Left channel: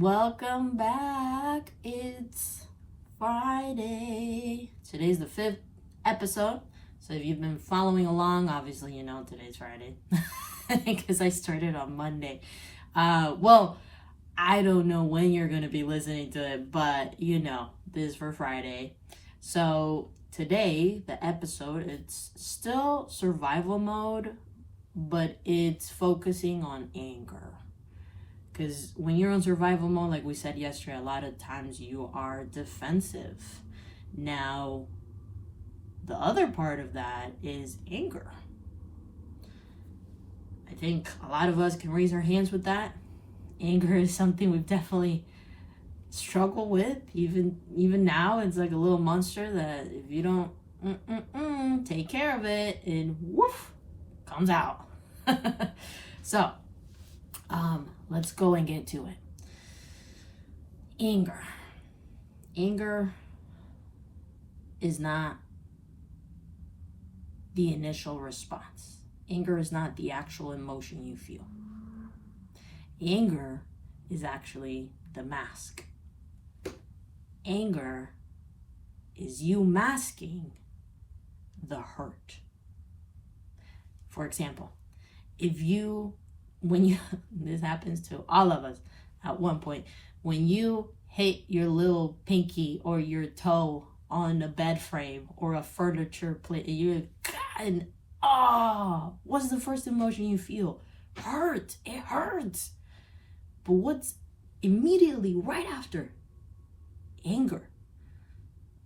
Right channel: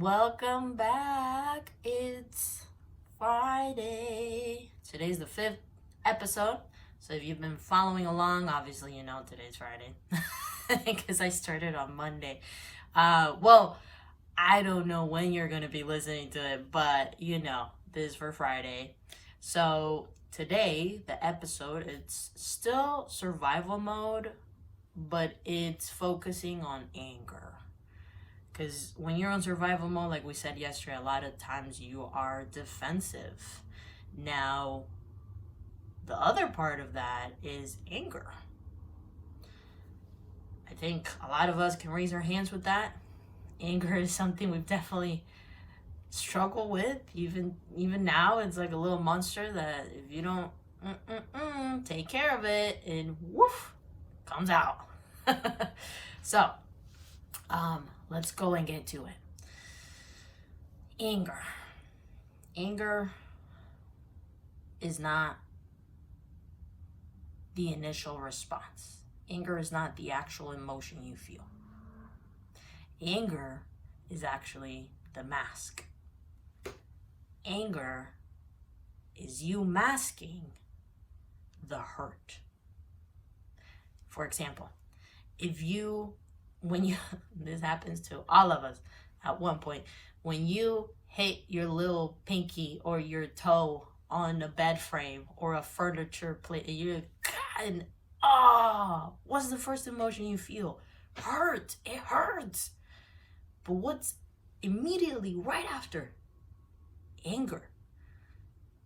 Welcome back. It's Friday. Today's the 5th episode. So if you've been following along, obviously you know today's Friday because I started on Monday. Well, I don't know when you're going to be listening to it, but this is for Friday. So today, the episode, it's still survival mode, but it's focusing on anger. Because when you're on survival mode, like we said yesterday, a lot of times you are defensive. Now, the other part of that is anger. I think a lot of us can raise our hands with that. Anger is something we've definitely struggled with. Even now, it's like a little monster that if you don't take care of it, it woof comes out. So, let's go and get to it. Anger. Anger is not the initial response. Anger is not the actual emotion you feel. Anger is actually the mask. Anger is you masking the hurt. For example, this happens to all of us at one point, when you hit your little pinky or your toe on a bed frame or a furniture plate, what's the first emotion you feel? Hurt. It hurts. But what's immediately right after? Anger.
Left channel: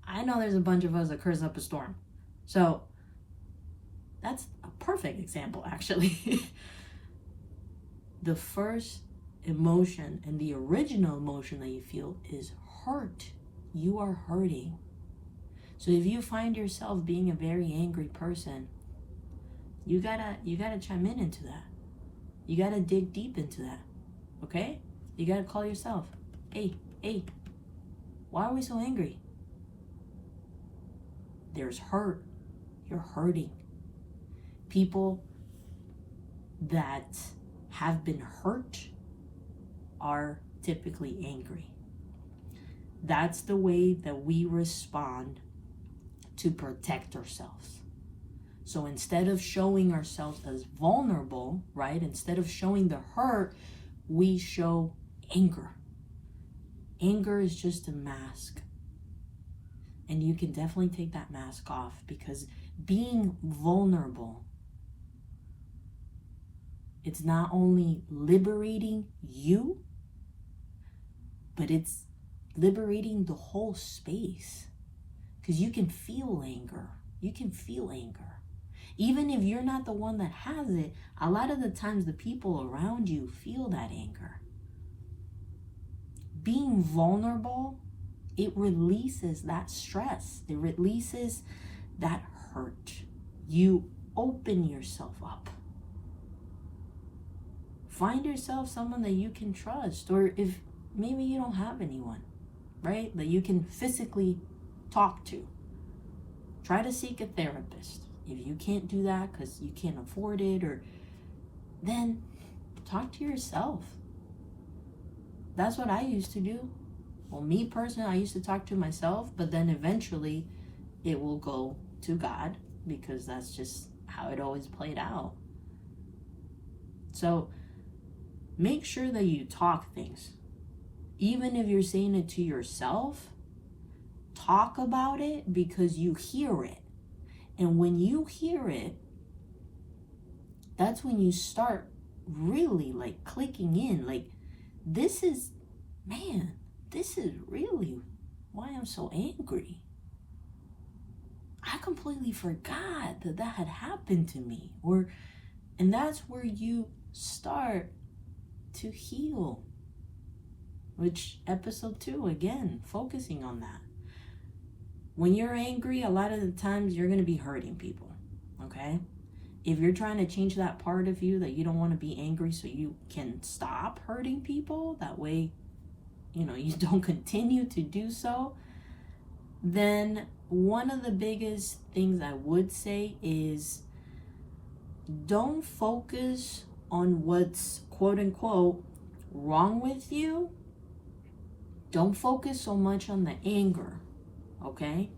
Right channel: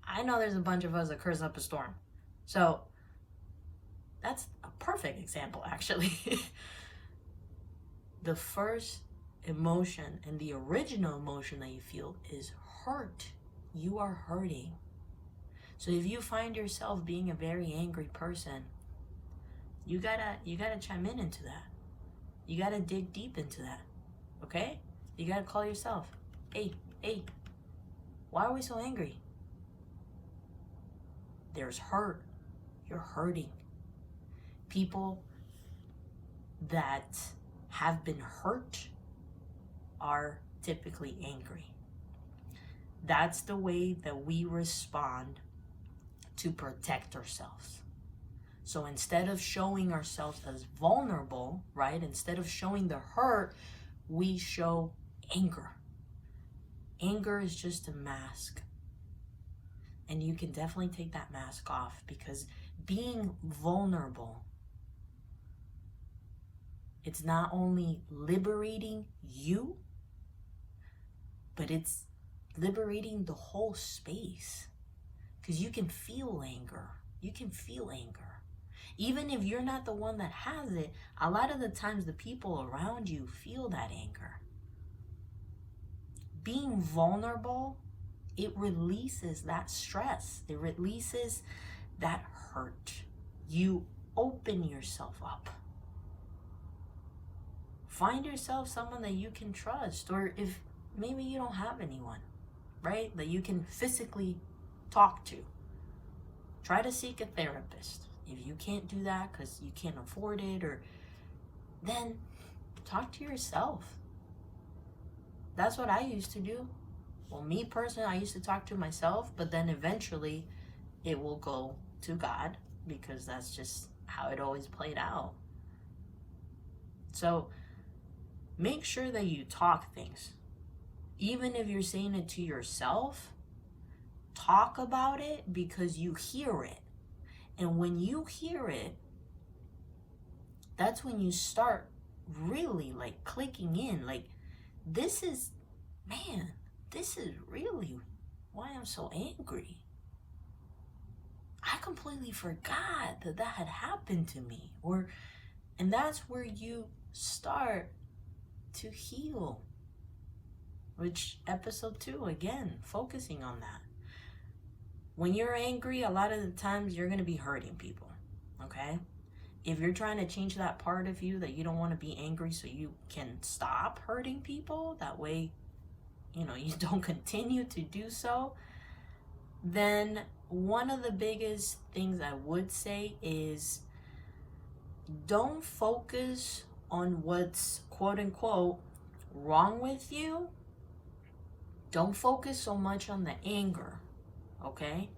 I know there's a bunch of us that curse up a storm. So that's a perfect example, actually. The first emotion and the original emotion that you feel is hurt. You are hurting. So if you find yourself being a very angry person, you gotta chime into that. You gotta dig deep into that. Okay? You gotta call yourself. Hey, why are we so angry? There's hurt. You're hurting. People that have been hurt are typically angry. That's the way that we respond to protect ourselves. So instead of showing ourselves as vulnerable, right? Instead of showing the hurt, we show anger. Anger is just a mask. And you can definitely take that mask off, because being vulnerable, it's not only liberating you, but it's liberating the whole space. Because you can feel anger. You can feel anger. Even if you're not the one that has it, a lot of the times the people around you feel that anger. Being vulnerable, it releases that stress. It releases that hurt. You open yourself up. Find yourself someone that you can trust, or if maybe you don't have anyone, right, that you can physically talk to, try to seek a therapist. If you can't do that because you can't afford it, or then talk to yourself. That's what I used to do. Well, me personally, I used to talk to myself, but then eventually it will go to God, because that's just how it always played out. So make sure that you talk things. Even if you're saying it to yourself, talk about it, because you hear it. And when you hear it, that's when you start really like clicking in. Like, this is really why I'm so angry. I completely forgot that had happened to me. And that's where you start to heal. Which episode 2, again, focusing on that. When you're angry, a lot of the times you're going to be hurting people, okay? If you're trying to change that part of you that you don't want to be angry so you can stop hurting people, that way, you don't continue to do so, then one of the biggest things I would say is don't focus on what's quote unquote wrong with you. Don't focus so much on the anger, okay?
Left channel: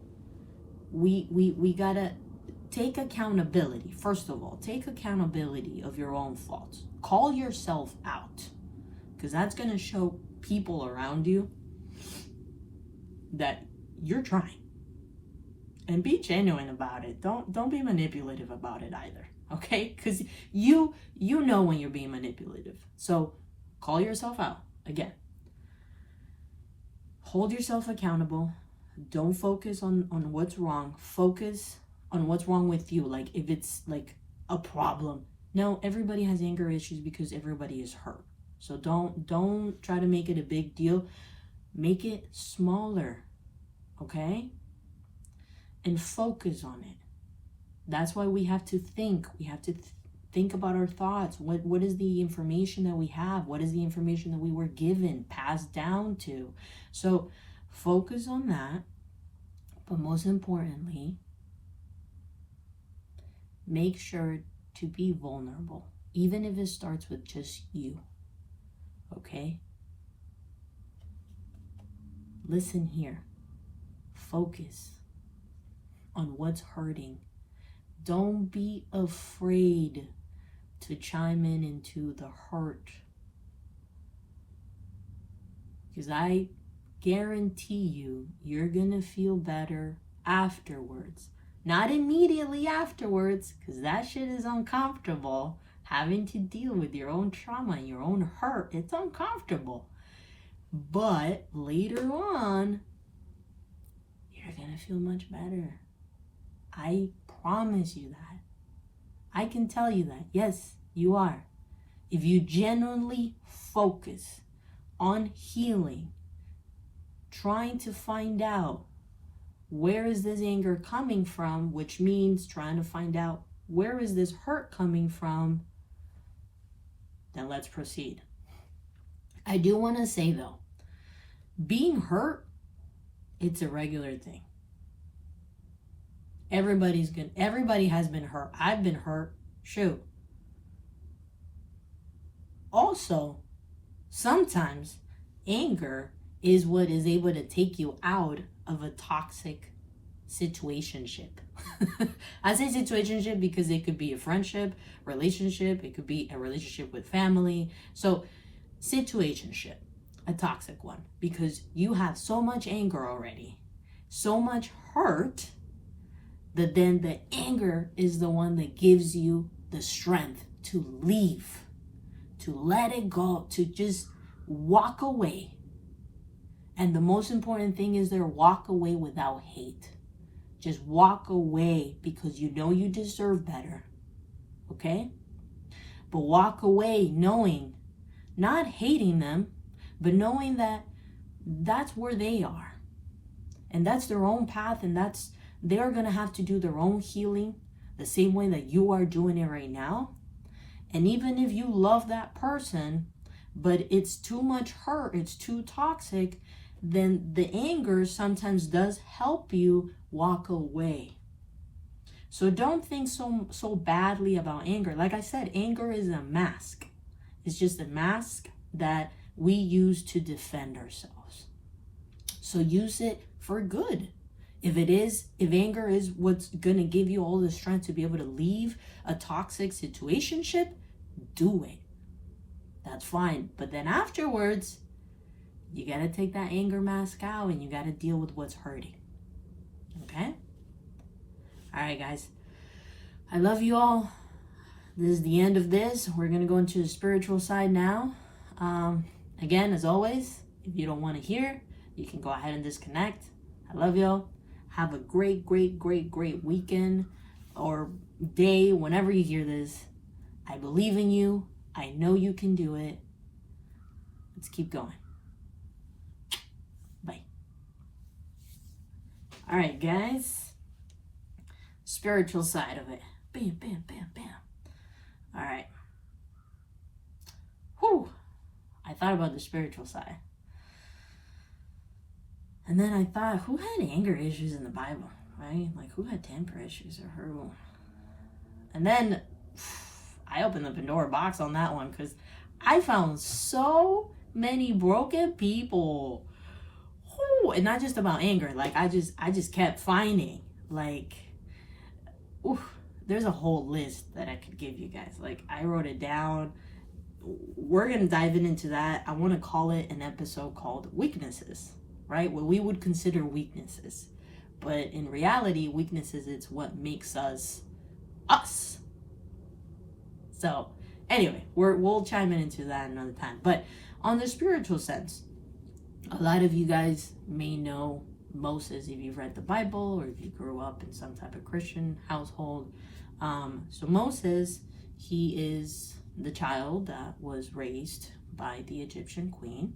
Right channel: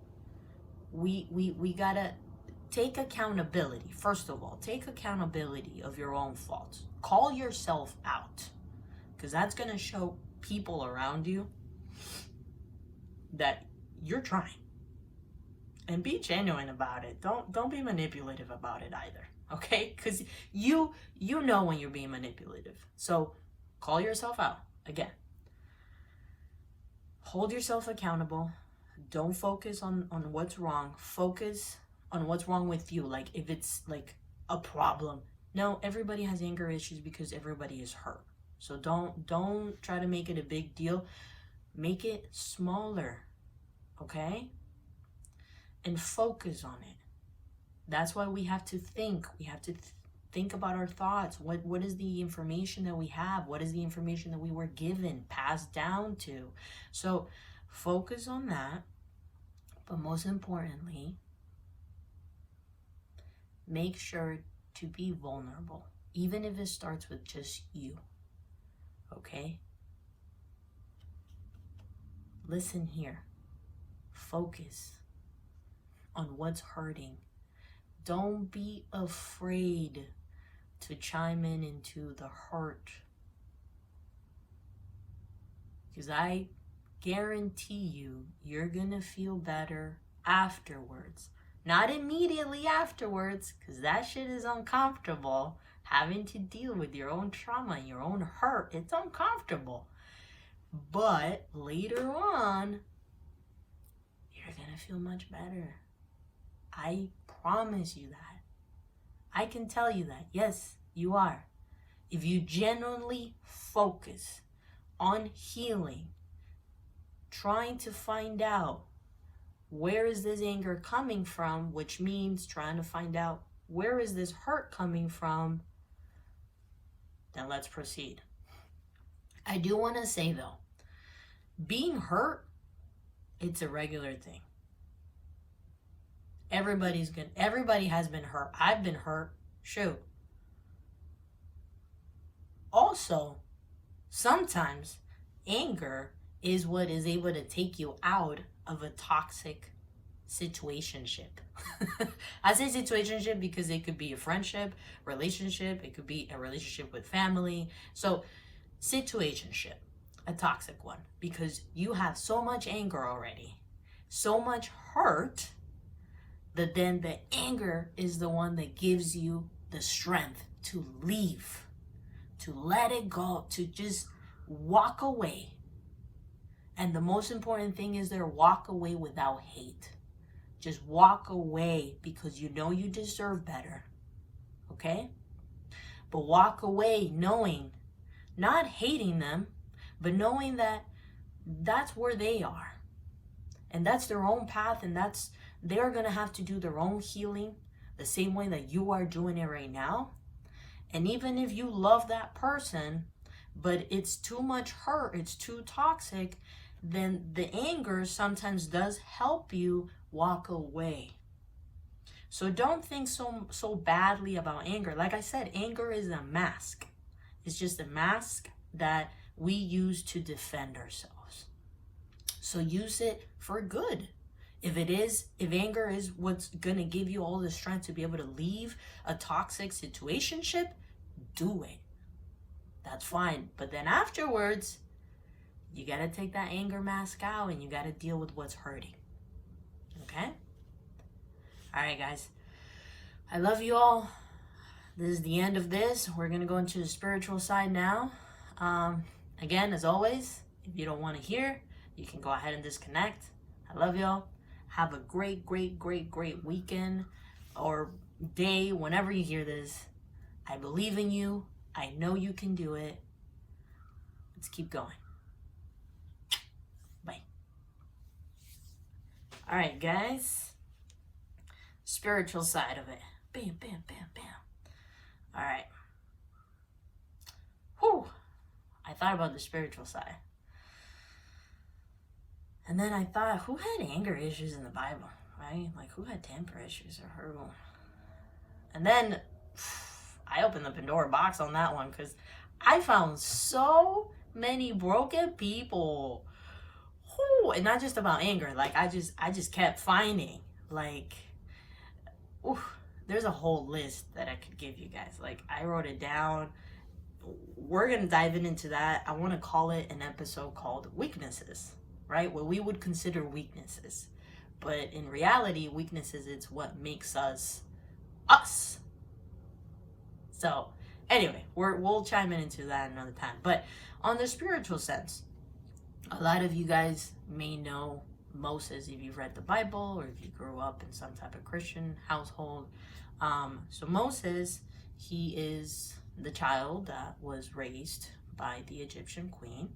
We gotta take accountability. First of all, take accountability of your own faults. Call yourself out, because that's gonna show people around you that you're trying. And be genuine about it. Don't be manipulative about it either, okay? Because you know when you're being manipulative. So call yourself out. Again, hold yourself accountable. Don't focus on what's wrong. Focus on what's wrong with you. Like if it's like a problem. No, everybody has anger issues because everybody is hurt. So don't try to make it a big deal. Make it smaller, okay? And focus on it. That's why we have to think. We have to think about our thoughts. What is the information that we have? What is the information that we were given, passed down to? So focus on that. But most importantly, make sure to be vulnerable, even if it starts with just you. Okay? Listen here. Focus on what's hurting. Don't be afraid to chime in into the hurt. Because I guarantee you're gonna feel better afterwards. Not immediately afterwards, because that shit is uncomfortable. Having to deal with your own trauma, your own hurt, it's uncomfortable. But later on, you're gonna feel much better. I promise you that. I can tell you that. Yes, you are. If you genuinely focus on healing, trying to find out where is this anger coming from, which means trying to find out where is this hurt coming from, then let's proceed. I do want to say though, being hurt, it's a regular thing. Everybody has been hurt. I've been hurt. Shoot. Also, sometimes anger is what is able to take you out of a toxic situationship. I say situationship because it could be a friendship, relationship. It could be a relationship with family. So situationship, a toxic one, because you have so much anger already, so much hurt, that then the anger is the one that gives you the strength to leave, to let it go, to just walk away. And the most important thing is there, walk away without hate. Just walk away because you know you deserve better. Okay? But walk away knowing, not hating them, but knowing that that's where they are. And that's their own path, and they're going to have to do their own healing the same way that you are doing it right now. And even if you love that person, but it's too much hurt, it's too toxic, then the anger sometimes does help you walk away. So don't think so badly about anger. Like I said, anger is a mask. It's just a mask that we use to defend ourselves. So use it for good. If anger is what's gonna give you all the strength to be able to leave a toxic situationship, do it. That's fine. But then afterwards, you gotta take that anger mask out and you gotta deal with what's hurting. Okay? All right, guys. I love you all. This is the end of this. We're gonna go into the spiritual side now. Again, as always, if you don't want to hear, you can go ahead and disconnect. I love y'all. Have a great weekend or day whenever you hear this. I believe in you. I know you can do it. Let's keep going. Bye. All right, guys. Spiritual side of it. Bam, bam, bam, bam. All right. Whew. I thought about the spiritual side. And then I thought, who had anger issues in the Bible, right? Like, who had temper issues or horrible? And then I opened the Pandora box on that one because I found so many broken people and not just about anger. Like I just kept finding, like, oof, there's a whole list that I could give you guys. Like I wrote it down. We're gonna dive into that. I want to call it an episode called weaknesses, right? What we would consider weaknesses, but in reality, weaknesses, it's what makes us us. So anyway, we'll chime into that another time. But on the spiritual sense, a lot of you guys may know Moses if you've read the Bible or if you grew up in some type of Christian household. So Moses, he is the child that was raised by the Egyptian queen.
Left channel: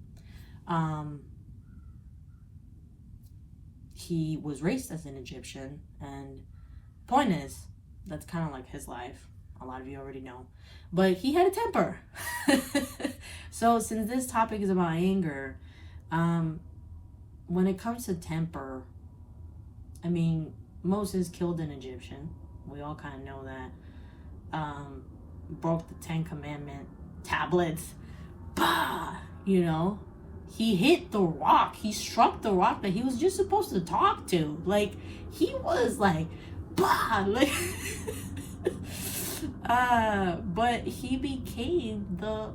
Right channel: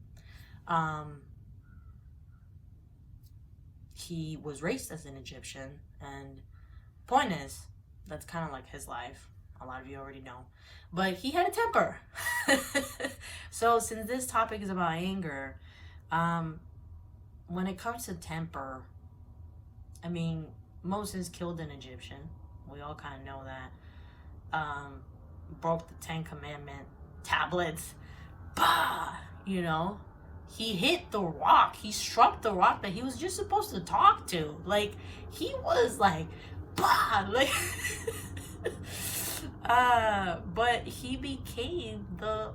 He was raised as an Egyptian, and point is, that's kind of like his life. A lot of you already know. But he had a temper. So since this topic is about anger, when it comes to temper, I mean, Moses killed an Egyptian. We all kind of know that. Broke the 10 Commandment tablets. Bah! You know? He hit the rock. He struck the rock that he was just supposed to talk to. Like, he was like, bah! Like, but he became the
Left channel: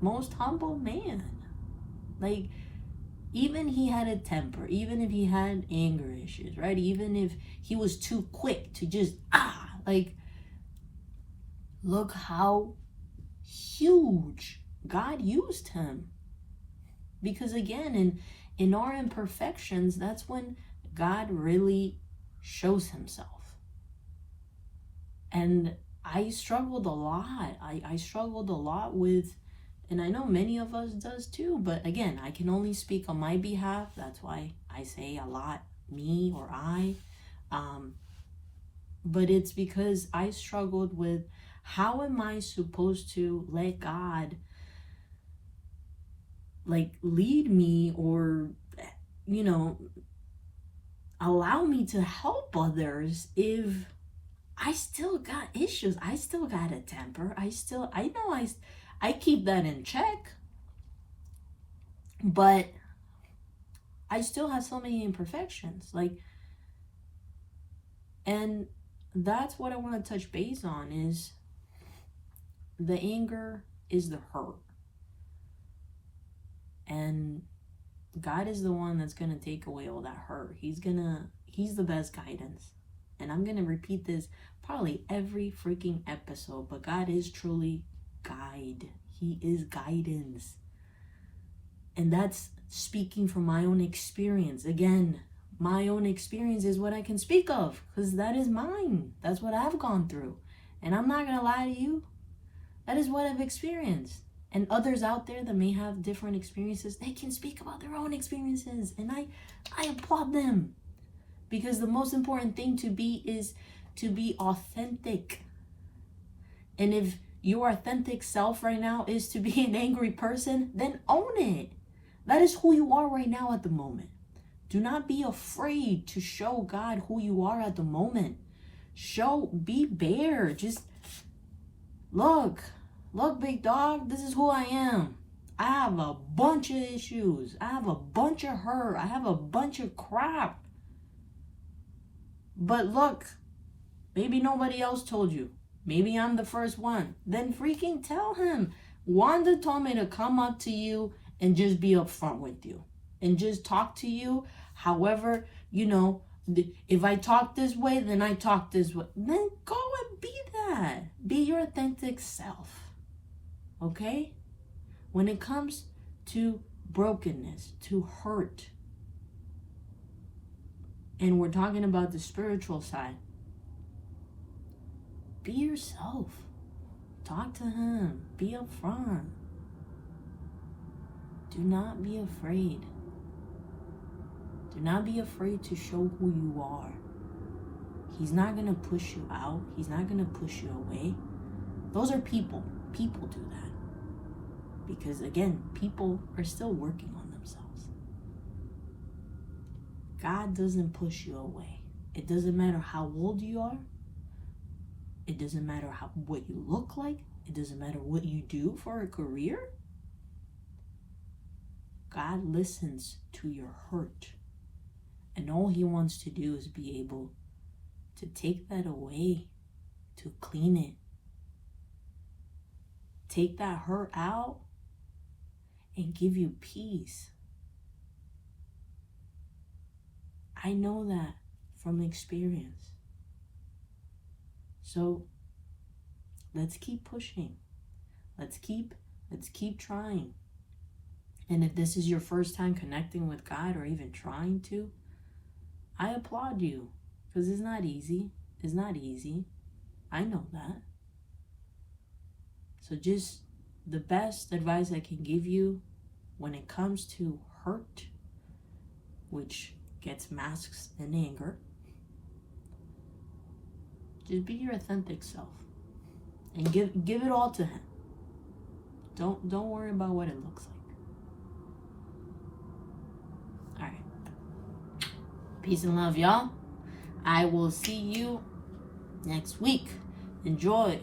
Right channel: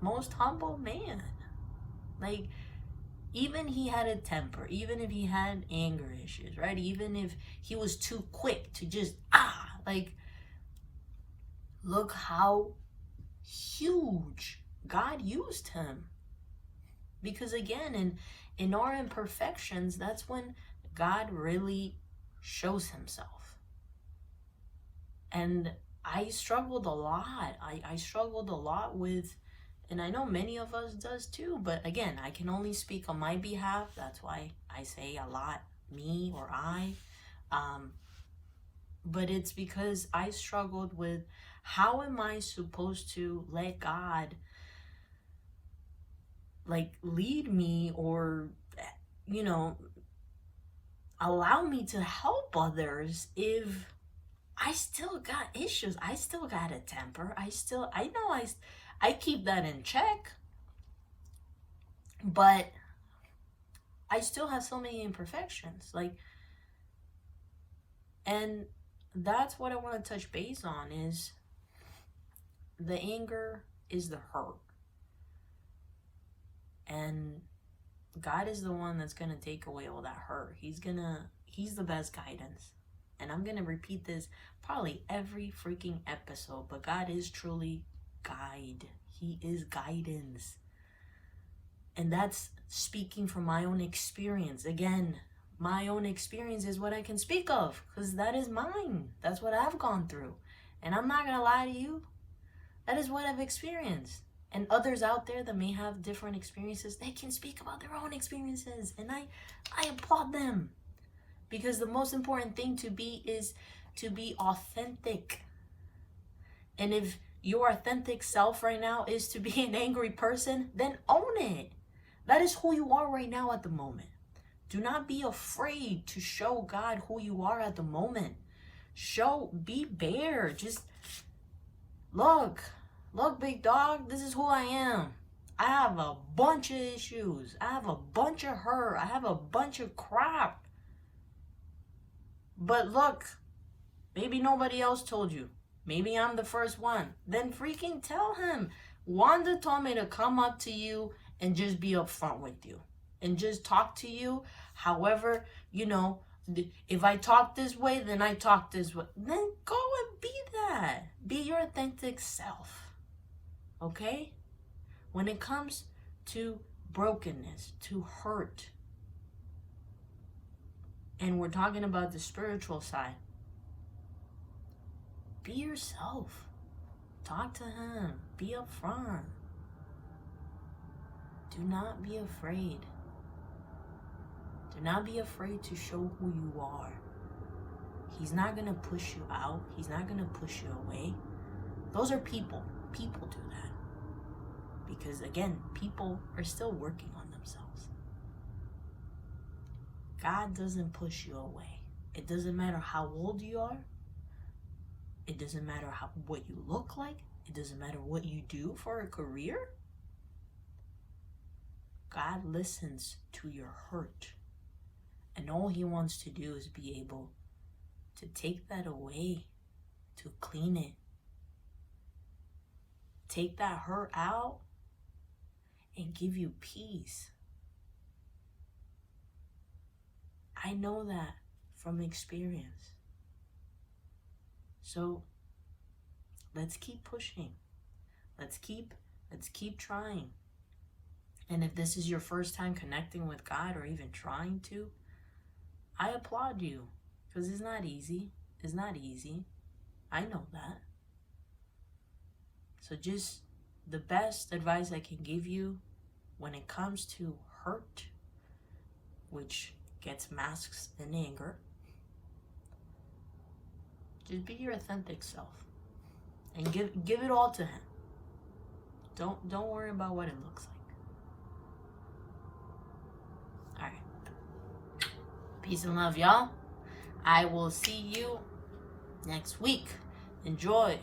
most humble man. Like, even he had a temper, even if he had anger issues, right? Even if he was too quick to just, like, look how huge God used him. Because again, in our imperfections, that's when God really shows himself. And I struggled a lot. I struggled a lot with, and I know many of us does too, but again, I can only speak on my behalf. That's why I say a lot, me or I. But it's because I struggled with, how am I supposed to let God like lead me, or, you know, allow me to help others if I still got issues? I still got a temper. I keep that in check, but I still have so many imperfections. Like, and that's what I want to touch base on, is the anger is the hurt. And God is the one that's going to take away all that hurt. He's the best guidance. And I'm going to repeat this probably every freaking episode, but God is truly guide. He is guidance. And that's speaking from my own experience. Again, my own experience is what I can speak of, because that is mine. That's what I've gone through. And I'm not going to lie to you. That is what I've experienced. And others out there that may have different experiences, they can speak about their own experiences. And I applaud them. Because the most important thing to be is to be authentic. And if your authentic self right now is to be an angry person, then own it. That is who you are right now at the moment. Do not be afraid to show God who you are at the moment. Be bare. Just look, big dog, this is who I am. I have a bunch of issues. I have a bunch of hurt. I have a bunch of crap. But look, maybe nobody else told you. Maybe I'm the first one. Then freaking tell him. Wanda told me to come up to you and just be upfront with you. And just talk to you. However, you know, if I talk this way, then I talk this way. Then go and be that. Be your authentic self. Okay? When it comes to brokenness, to hurt, and we're talking about the spiritual side, be yourself. Talk to him. Be upfront. Do not be afraid. Do not be afraid to show who you are. He's not going to push you out. He's not going to push you away. Those are people. People do that. Because again, people are still working on themselves. God doesn't push you away. It doesn't matter how old you are. It doesn't matter what you look like. It doesn't matter what you do for a career. God listens to your hurt. And all he wants to do is be able to take that away, to clean it. Take that hurt out and give you peace. I know that from experience. So let's keep pushing. Let's keep trying. And if this is your first time connecting with God or even trying to, I applaud you, because it's not easy. It's not easy. I know that. So just the best advice I can give you when it comes to hurt, which gets masked in anger, just be your authentic self and give it all to him. Don't worry about what it looks like. All right. Peace and love, y'all. I will see you next week. Enjoy.